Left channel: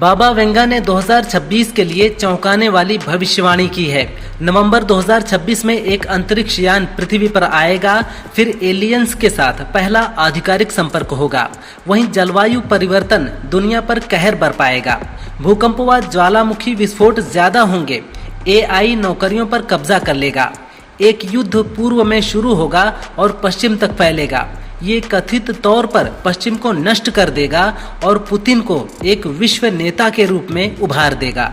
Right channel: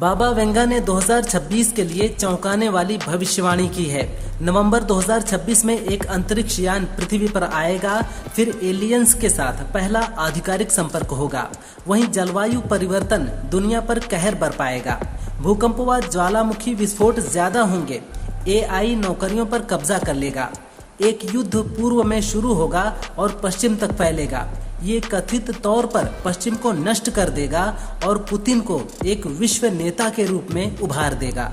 बाबा Venga ने 2026 के लिए चौंकाने वाली भविष्यवाणी की है। नवंबर 2026 में एक अंतरिक्ष यान पृथ्वी पर आएगा, फिर एलियंस के साथ पहला आधिकारिक संपर्क होगा। वहीं जलवायु परिवर्तन दुनिया पर कहर बरपाएगा। भूकंप व ज्वालामुखी विस्फोट ज्यादा होंगे। AI नौकरियों पर कब्जा कर लेगा। एक युद्ध पूर्व में शुरू होगा और पश्चिम तक फैलेगा। ये कथित तौर पर पश्चिम को नष्ट कर देगा और पुतिन को एक विश्व नेता के रूप में उभार देगा।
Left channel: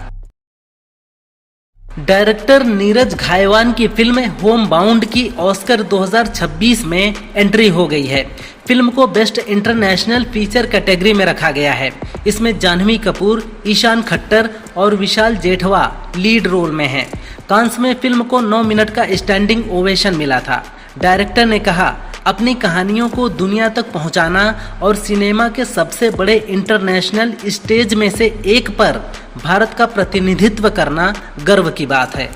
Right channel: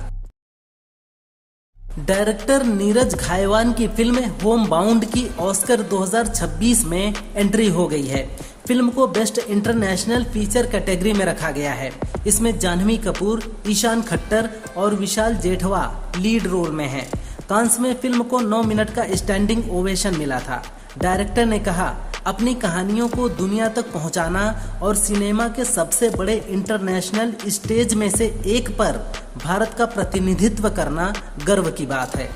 डायरेक्टर नीरज घायवान की फिल्म होम बाउंड की ऑस्कर 2026 में एंट्री हो गई है। फिल्म को बेस्ट इंटरनेशनल फीचर कैटेगरी में रखा गया है। इसमें जाह्नवी कपूर, ईशान खट्टर और विशाल जेठवा लीड रोल में हैं। कांस में फिल्म को 9 मिनट का स्टैंडिंग ओवेशन मिला था। डायरेक्टर ने कहा, अपनी कहानियों को दुनिया तक पहुंचाना और सिनेमा के सबसे बड़े इंटरनेशनल स्टेज में से एक पर भारत का प्रतिनिधित्व करना गर्व की बात है।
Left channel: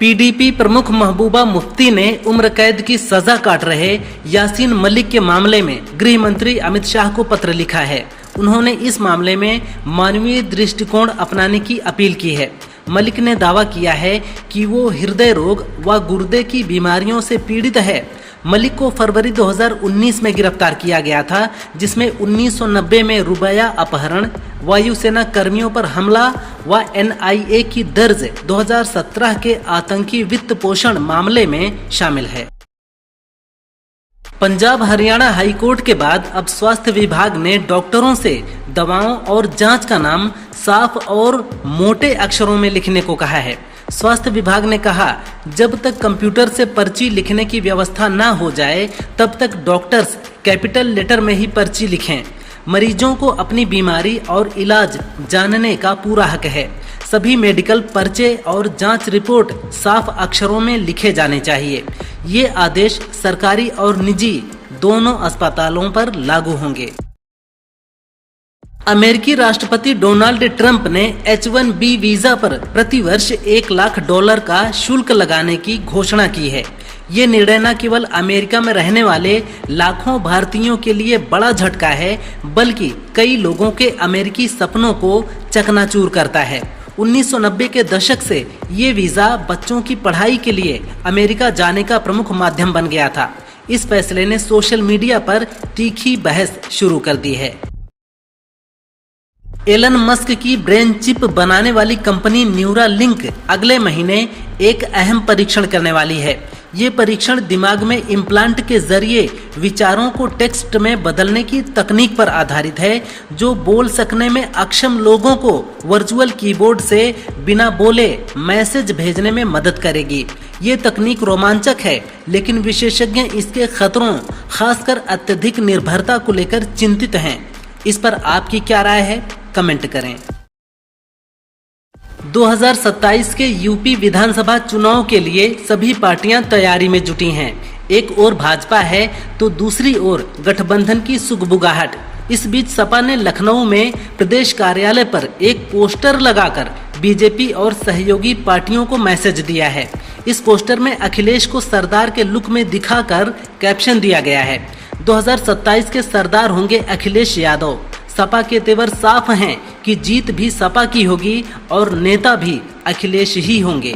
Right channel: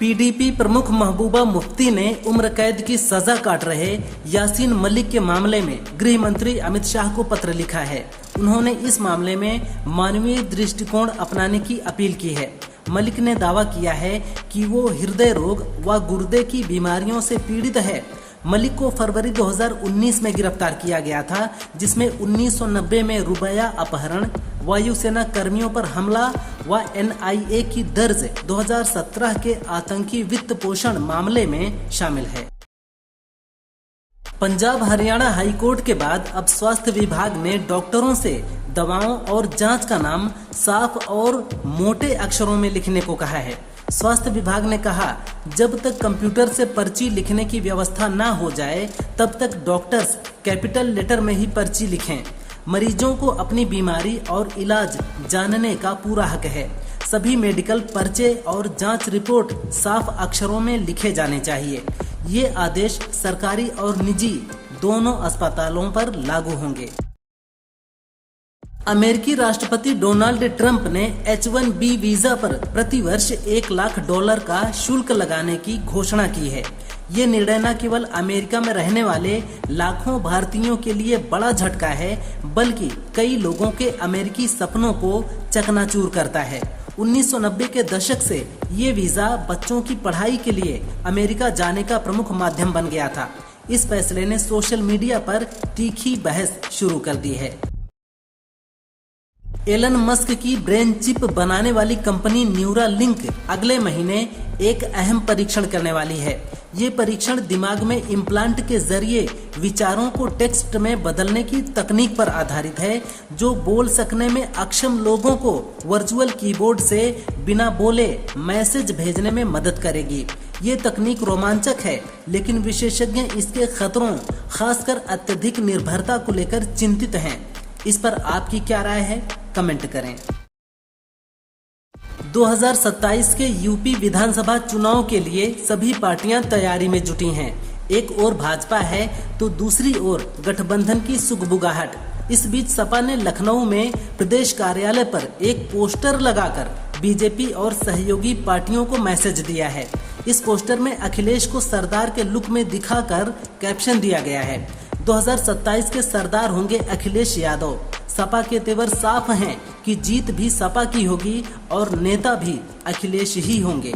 PDP प्रमुख महबूबा मुफ्ती ने उम्र कैद की सजा काट रहे यासीन मलिक के मामले में गृह मंत्री अमित शाह को पत्र लिखा है। उन्होंने इस मामले में मानवीय दृष्टिकोण अपनाने की अपील की है। मलिक ने दावा किया है कि वो हृदय रोग व गुर्दे की बीमारियों से पीड़ित है। मलिक को फरवरी 2019 में गिरफ्तार किया गया था, जिसमें 1990 में रुबैया अपहरण, वायुसेना कर्मियों पर हमला व NIA की दर्ज 2017 के आतंकी वित्त पोषण मामले में शामिल है। पंजाब हरियाणा हाईकोर्ट के बाद अब स्वास्थ्य विभाग ने डॉक्टरों से दवाओं और जांच का नाम साफ और मोटे अक्षरों में लिखने को कहा है। स्वास्थ्य विभाग ने कहा, जब तक कंप्यूटर से पर्ची लिखने की व्यवस्था न हो जाए तब तक डॉक्टर्स कैपिटल लेटर में ही पर्ची लिखें। मरीजों को अपनी बीमारी और इलाज जानने का पूरा हक है। सभी मेडिकल पर्चे और जांच रिपोर्ट साफ अक्षरों में लिखे जाने चाहिए। ये आदेश सरकारी और निजी दोनों अस्पतालों पर लागू होंगे। अमेरिकी राष्ट्रपति डोनाल्ड ट्रंप ने H-1B वीजा पर प्रतिवर्ष $1 लाख का शुल्क लगाने की घोषणा की है। ये निर्णय न केवल अमेरिका में रहने वाले लाखों भारतीयों के लिए बड़ा झटका है, बल्कि कई लोगों के अमेरिकी सपनों को चकनाचूर करता है। 1990 के दशक से ये वीजा बच्चों की पढ़ाई के लिए अमेरिका जाने का प्रमुख माध्यम बन गया था। इस फैसले ने सोशल मीडिया पर तीखी बहस शुरू कर दी है। एलन मस्क की ब्रेन चिप बनाने वाली कंपनी न्यूरालिंक अगले महीने एक अहम परीक्षण करने वाली है। ये परीक्षण दिमाग में इम्प्लांट के जरिए विचारों को टेक्स्ट में बदलने की तकनीक पर आधारित है, जो बोल सकने में अक्षम लोगों को वर्चुअल कीबोर्ड से बिना बोले मैसेज भेजने में मदद करेगी। ये तकनीक रोमांचक है, लेकिन विशेषज्ञ इसके खतरों, खासकर अत्यधिक निर्भरता को लेकर चिंतित हैं। इस पर आपकी क्या राय है? कमेंट करें। 2027 के यूपी विधानसभा चुनाव के लिए सभी पार्टियां तैयारी में जुटी हैं। एक ओर भाजपा है तो दूसरी ओर गठबंधन की सुगबुगाहट। इस बीच सपा ने लखनऊ में प्रदेश कार्यालय पर एक पोस्टर लगाकर बीजेपी और सहयोगी पार्टियों को मैसेज दिया है। इस पोस्टर में अखिलेश को सरदार के लुक में दिखाकर कैप्शन दिया गया है, 2027 के सरदार होंगे अखिलेश यादव। सपा के तेवर साफ हैं कि जीत भी सपा की होगी और नेता भी अखिलेश ही होंगे।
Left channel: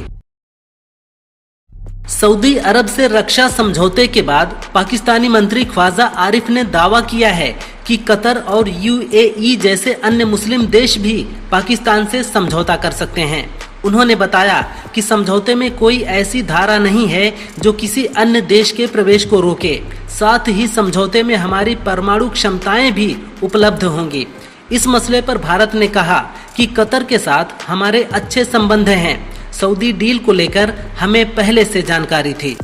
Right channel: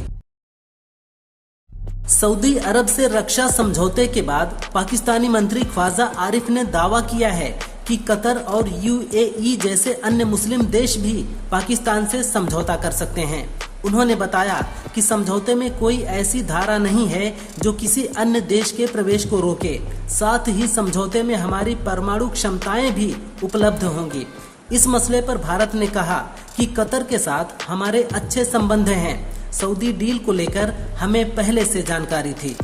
सऊदी अरब से रक्षा समझौते के बाद पाकिस्तानी मंत्री ख्वाजा आरिफ ने दावा किया है कि कतर और UAE जैसे अन्य मुस्लिम देश भी पाकिस्तान से समझौता कर सकते हैं। उन्होंने बताया कि समझौते में कोई ऐसी धारा नहीं है जो किसी अन्य देश के प्रवेश को रोके। साथ ही समझौते में हमारी परमाणु क्षमताएं भी उपलब्ध होंगी। इस मसले पर भारत ने कहा कि कतर के साथ हमारे अच्छे संबंध हैं। सऊदी डील को लेकर हमें पहले से जानकारी थी।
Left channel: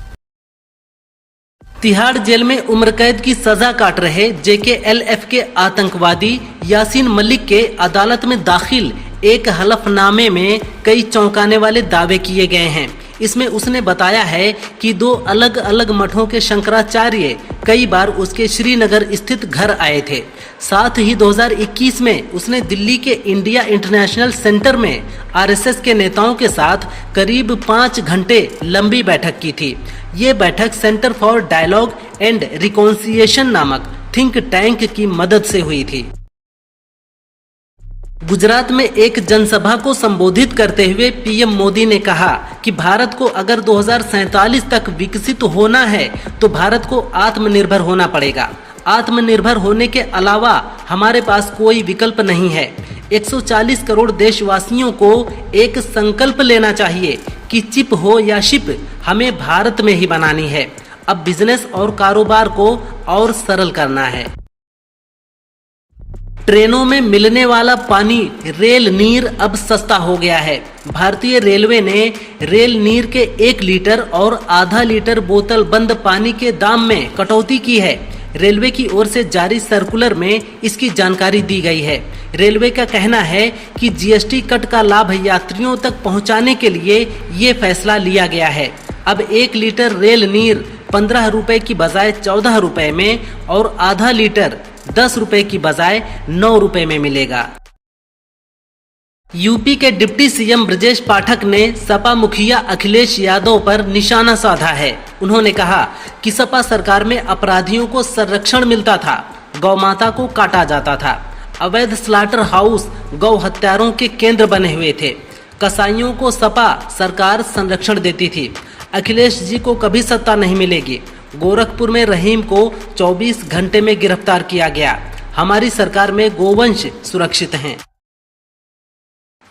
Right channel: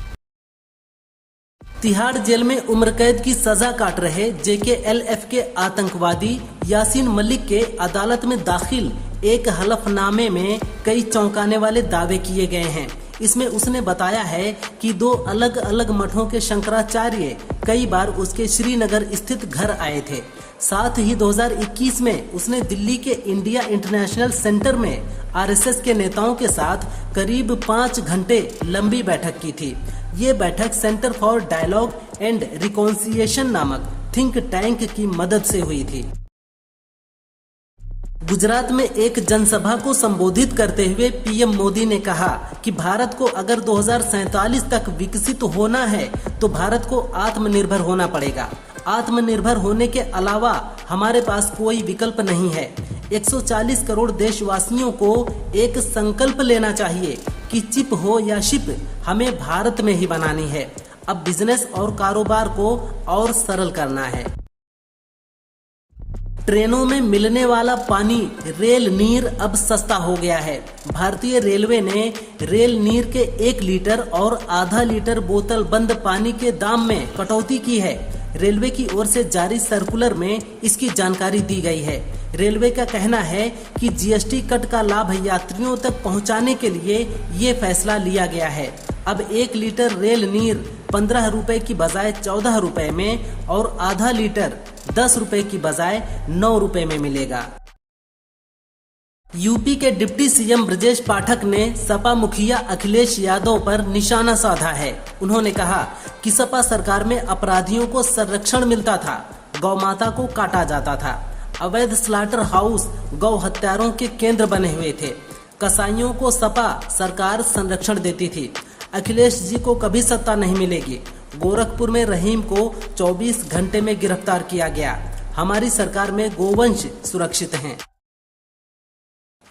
तिहाड़ जेल में उम्र कैद की सजा काट रहे JKLF के आतंकवादी यासीन मलिक के अदालत में दाखिल एक हलफनामे में कई चौंकाने वाले दावे किए गए हैं। इसमें उसने बताया है कि 2 अलग अलग मठों के शंकराचार्य कई बार उसके श्रीनगर स्थित घर आए थे। साथ ही 2021 में उसने दिल्ली के इंडिया इंटरनेशनल सेंटर में RSS के नेताओं के साथ करीब 5 घंटे लंबी बैठक की थी। ये बैठक centre for dialogue and reconciliation नामक थिंक टैंक की मदद से हुई थी। गुजरात में एक जनसभा को संबोधित करते हुए पीएम मोदी ने कहा कि भारत को अगर 2047 तक विकसित होना है तो भारत को आत्मनिर्भर होना पड़ेगा। आत्मनिर्भर होने के अलावा हमारे पास कोई विकल्प नहीं है। 140 करोड़ देशवासियों को एक संकल्प लेना चाहिए कि चिप हो या शिप, हमें भारत में ही बनानी है। अब बिजनेस और कारोबार को और सरल करना है। ट्रेनों में मिलने वाला पानी रेल नीर अब सस्ता हो गया है। भारतीय रेलवे ने रेल नीर के 1 लीटर और आधा लीटर बोतल बंद पानी के दाम में कटौती की है। रेलवे की ओर से जारी सर्कुलर में इसकी जानकारी दी गई है। रेलवे का कहना है कि जीएसटी कट का लाभ यात्रियों तक पहुंचाने के लिए ये फैसला लिया गया है। अब 1 लीटर रेल नीर 15 रुपए की बजाय 14 रुपए में और आधा लीटर 10 रुपए की बजाय 9 रुपए में मिलेगा। यूपी के डिप्टी सीएम ब्रजेश पाठक ने सपा मुखिया अखिलेश यादव पर निशाना साधा है। उन्होंने कहा कि सपा सरकार में अपराधियों को संरक्षण मिलता था, गौ माता को काटा जाता था, अवैध स्लाटर हाउस गौ हत्यारों के केंद्र बने हुए थे, कसाईयों को सपा सरकार संरक्षण देती थी। अखिलेश जी को कभी सत्ता नहीं मिलेगी। गोरखपुर में रहीम को 24 घंटे में गिरफ्तार किया गया। हमारी सरकार में गोवंश सुरक्षित हैं।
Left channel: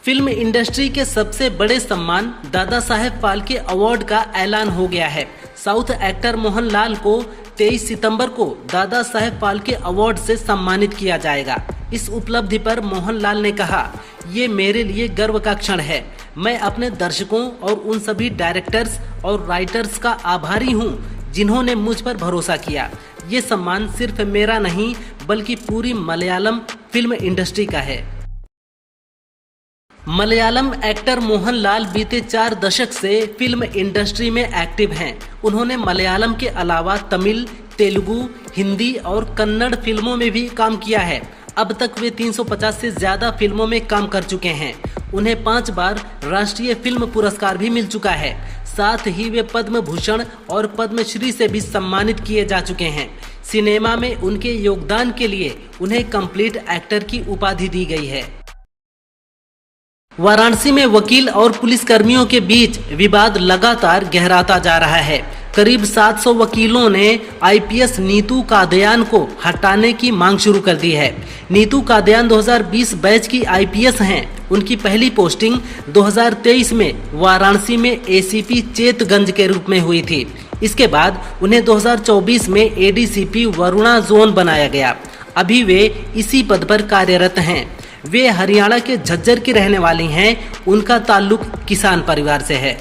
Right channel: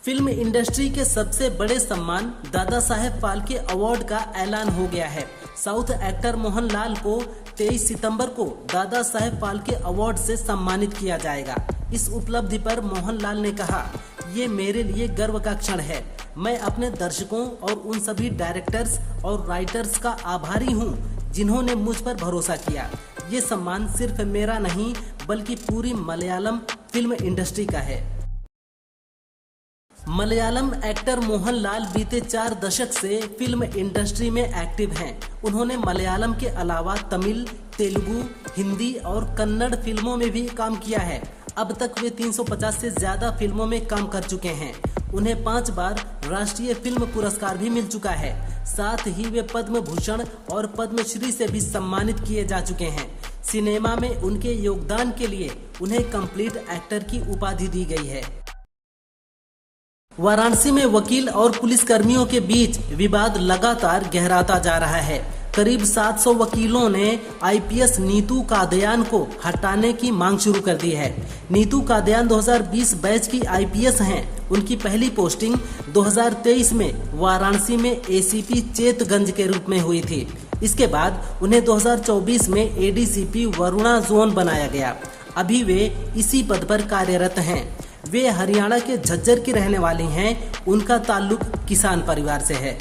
फिल्म इंडस्ट्री के सबसे बड़े सम्मान दादा साहेब फाल्के अवार्ड का ऐलान हो गया है। साउथ एक्टर मोहनलाल को 23 सितंबर को दादा साहेब फाल्के अवार्ड से सम्मानित किया जाएगा। इस उपलब्धि पर मोहनलाल ने कहा, ये मेरे लिए गर्व का क्षण है। मैं अपने दर्शकों और उन सभी डायरेक्टर्स और राइटर्स का आभारी हूँ जिन्होंने मुझ पर भरोसा किया। ये सम्मान सिर्फ मेरा नहीं बल्कि पूरी मलयालम फिल्म इंडस्ट्री का है। मलयालम एक्टर मोहनलाल बीते 4 दशक से फिल्म इंडस्ट्री में एक्टिव हैं। उन्होंने मलयालम के अलावा तमिल, तेलुगु, हिंदी और कन्नड़ फिल्मों में भी काम किया है। अब तक वे 350 से ज्यादा फिल्मों में काम कर चुके हैं। उन्हें 5 बार राष्ट्रीय फिल्म पुरस्कार भी मिल चुका है। साथ ही वे पद्म भूषण और पद्मश्री से भी सम्मानित किए जा चुके हैं। सिनेमा में उनके योगदान के लिए उन्हें कंप्लीट एक्टर की उपाधि दी गई है। वाराणसी में वकील और पुलिसकर्मियों के बीच विवाद लगातार गहराता जा रहा है। करीब 700 वकीलों ने आईपीएस नीतू कादयान को हटाने की मांग शुरू कर दी है। नीतू कादयान 2020 बैच की आईपीएस हैं। उनकी पहली पोस्टिंग 2023 में वाराणसी में एसीपी चेतगंज के रूप में हुई थी। इसके बाद उन्हें 2024 में एडीसीपी वरुणा जोन बनाया गया। अभी वे इसी पद पर कार्यरत हैं। वे हरियाणा के झज्जर की रहने वाली हैं। उनका ताल्लुक किसान परिवार से है।